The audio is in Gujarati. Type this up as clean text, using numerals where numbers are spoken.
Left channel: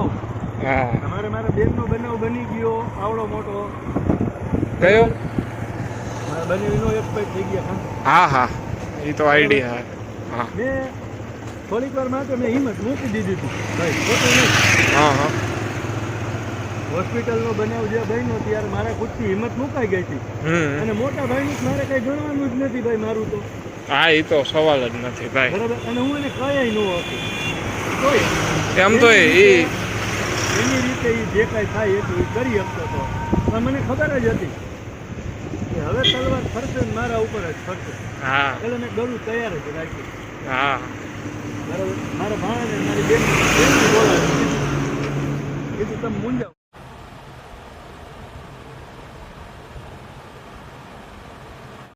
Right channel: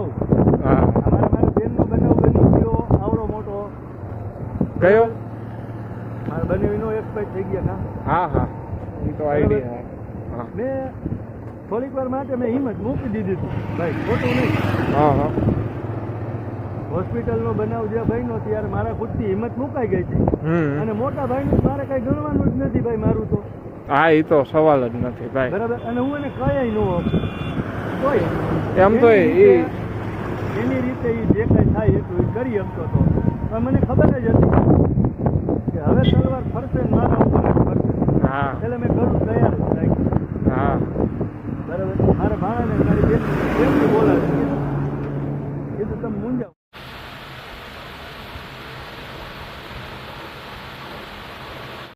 કહું. હા મારા બેનનો બનાવ બની ગયો આવડો મોટો. કયો? મારા બનેવીનો એક્સપાયર થઈ ગયા હા હા એ તો આઈડિયા. હા મેં થોડીક વાર માટે મેં હિંમત મૂકી દીધી હતી ભાઈ, ખોટું નહીં. હા હા હોસ્પિટલનો બનાવ જે બન્યો ત્યારે મારા ખુદથી હિંમત મુકાઈ ગઈ હતી. અને મોટા ભાઈનું મારે કઈ ગણવાનું જ નથી ભાઈ મારું તો. હા એ તો સવાલ જ નથી ભાઈ. બરાબર. અને હું એને કયાય ન હતું તોય એમ તો એની રીતે એ જે કાંઈ થાય એટલું કરી શકતો હતો. પણ મને ખબર જ હતી કે હવે તલવાર ફરશે ને મારા ઉપર જ ફરશે. હા એટલે મેં કરું તૈયાર જ રાખી. હા બરાબર. મારા ભાણાને મારી બેન બોલાવી કીધું તમે મૂંઝાવ.